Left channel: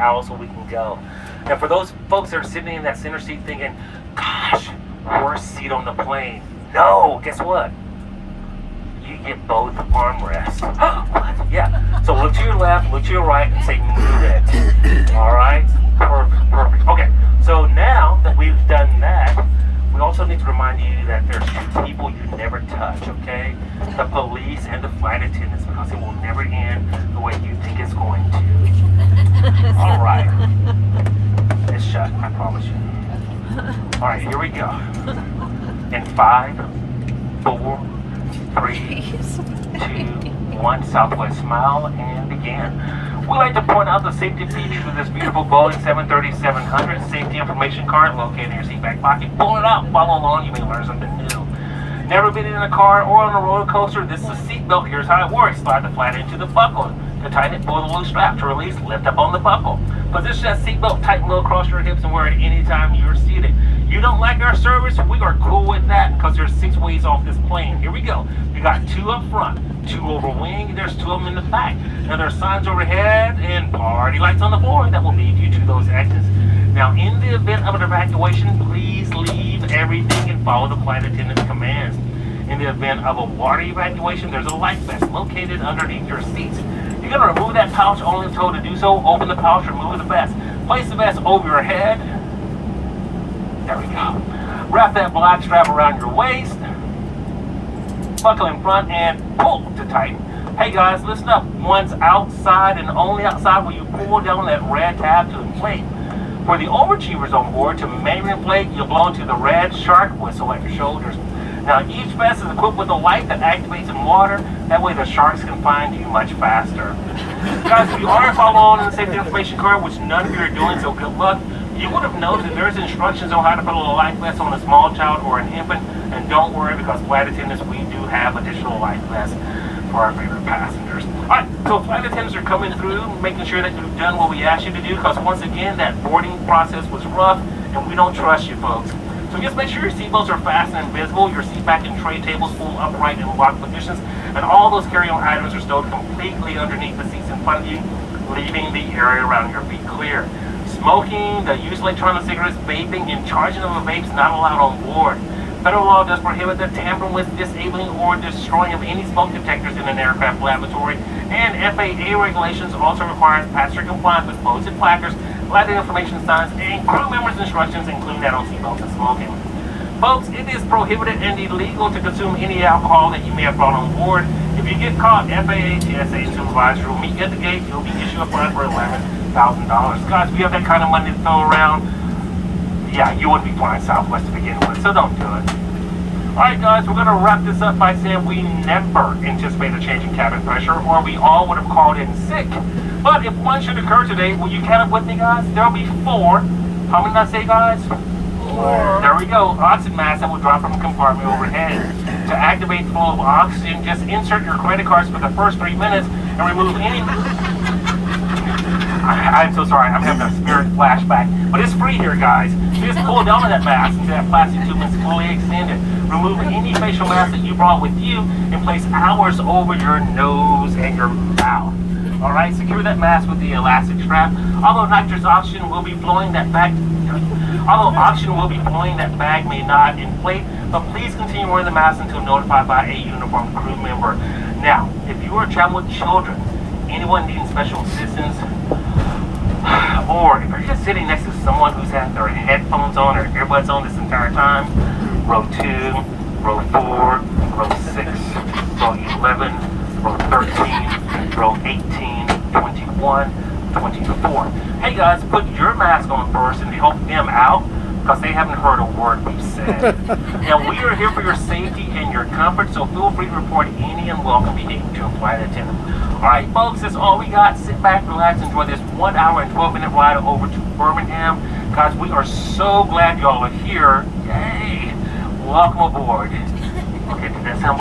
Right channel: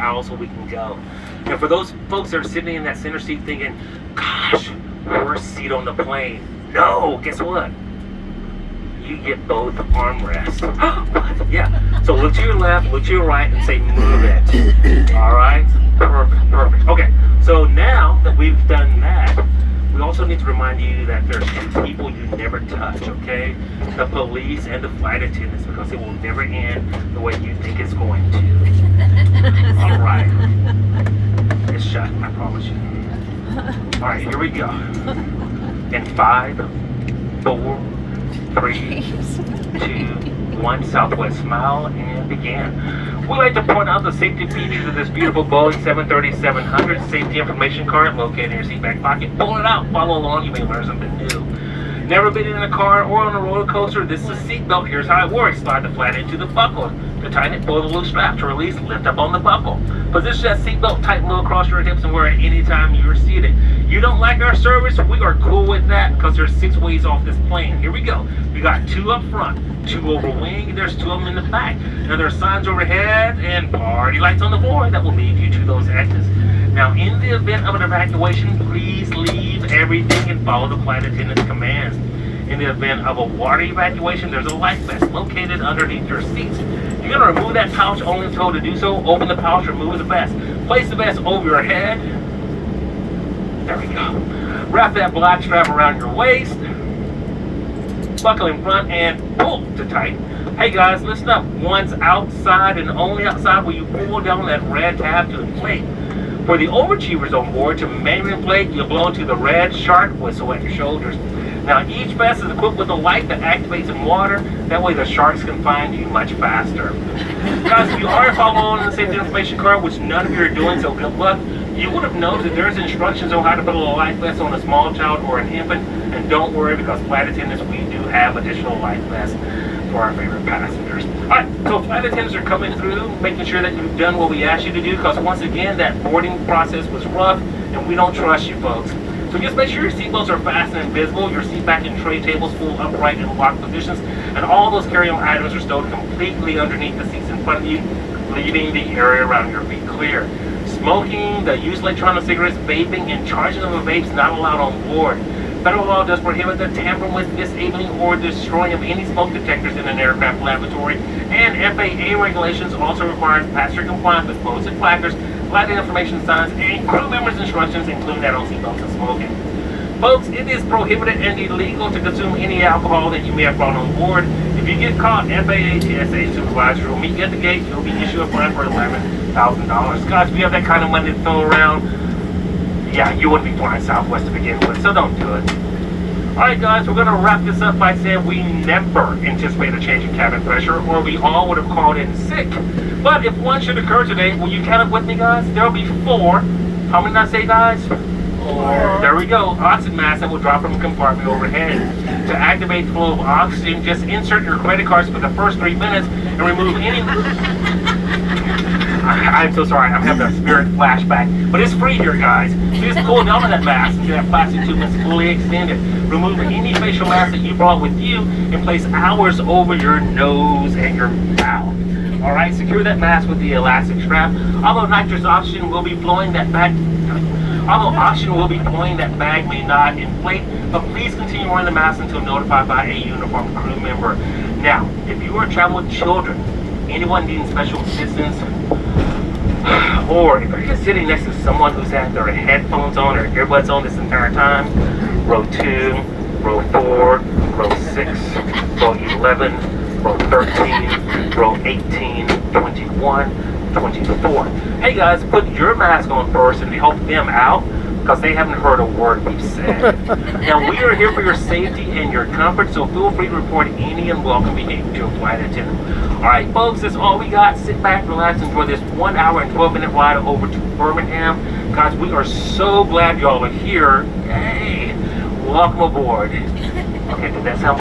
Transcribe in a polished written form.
out so we can go. Now for those folks that are sitting in that center seat thinking, gosh, worst seat on the plane. No, guess what? You get both armrests. What? Yeah. So look to your left, look to your right, and say move it. All right? Perfect, perfect. Okay, so now that we've done that, we also need to remind you that there's two people you never touch, okay? The police and the flight attendants, because it will never end the way you think it's going to. All right. It's shut, I promise you. All right, here we go. In 5, 4, 3, 2, 1, Southwest smile and begin. We like to point out the safety features of this beautiful Boeing 737-700 safety information card located in your seat back pocket. Pull it out, follow along, you may learn something new. Never been in a car or on a roller coaster? This is a seatbelt. Here's how it works. Slide the flat into the buckle. To tighten it, pull the loose strap. To release, lift up on the buckle. Position that seatbelt tight and low across your hips and wear it anytime you're seated. You don't like our service? We are cool with that because there's 6 ways off this plane. Here we go. We got 2 up front, 2 over wing. There's 2 of them in the back. Now there's signs overhead and party lights on the floor that will lead you to those exits. Now in the event of an evacuation, please leave everything and follow the flight attendant's commands. In the event of a water evacuation, there's a life vest located underneath your seats. You're going to remove that pouch only if told to do so. Open the pouch, remove the vest. Place the vest over your head. There we go. Wrap that black strap around your waist. Buckle in front and pull to tighten. Hey guys, listen up. Once outside and only outside will you pull down that red tab to inflate. For the overachievers on board, to manually inflate, you'll blow into the red shark whistle at your shoulders. Now each vest is equipped with a light that activates in water. That way the sharks can find you much faster. Guys, if you are following the safety information card, which none of you are doing, so good luck, you would have known that there's instructions on how to put a life vest on a small child or an infant. And don't worry, because flight attendants, we do have additional life vests for our favorite passengers. Alright, so flight attendants are coming through, making sure that you've done what we asked you to do, because once again, that boarding process was rough, and we don't trust you folks. So just make sure your seatbelts are fastened and visible, your seat back and tray tables full upright in locked positions, and all those carry-on items are stowed completely underneath the seats in front of you, leaving the area around your feet clear. Smoking, the use of electronic cigarettes, vaping, and charging of a vape is not allowed on board. Federal law does prohibit the tampering with, disabling, or destroying of any smoke detectors in an aircraft lavatory, and FAA regulations also requires passenger compliance with posted placards, lighting information signs, and crew members' instructions, including that on seatbelts and smoking. Folks, it is prohibited and illegal to consume any alcohol that you may have brought on board. If you get caught, FAA TSA supervisor will meet you at the gate. You'll be issued a fine for $11,000. Guys, if you have that kind of money to throw around, yeah, you wouldn't be flying Southwest to begin with, so don't do it. Alright guys, we're going to wrap this up by saying we never anticipate a change in cabin pressure, or we all would have called in sick. But if one should occur today, will you count it with me guys? There will be 4. How many did I say guys? 4. There we go. Oxygen mask that will drop from the compartment overhead. To activate flow of oxygen, just insert your credit cards for the first 3 minutes and remove any... I'm so sorry, I'm having a spirit flashback. But it's free here, guys. So just pull down on that mask until that plastic tube is fully extended. Remove any facial mask that you brought with you and place ours over your nose and your mouth. Alright, secure that mask with the elastic strap. Although nitrous oxygen will be flowing, that bag may not inflate, but please continue wearing the mask until notified by a uniformed crew member. Now, if you are traveling with children, anyone needing special assistance, or if you're just sitting next to someone who's had their headphones on or earbuds on this entire time, row 2, row 4, row 6, row 11, row 13, row 18, 21, 24. Hey guys, put your mask on first and help them out, because they haven't heard a word we've said. Now, we are here for your safety and your comfort, so feel free to report any unwelcome behavior to a flight attendant. Alright folks, that's all we got. Sit back, relax, enjoy this 1 hour and 12-minute ride over to Birmingham. Guys, we are so glad y'all are here. Hey, welcome aboard. Okay, did that sound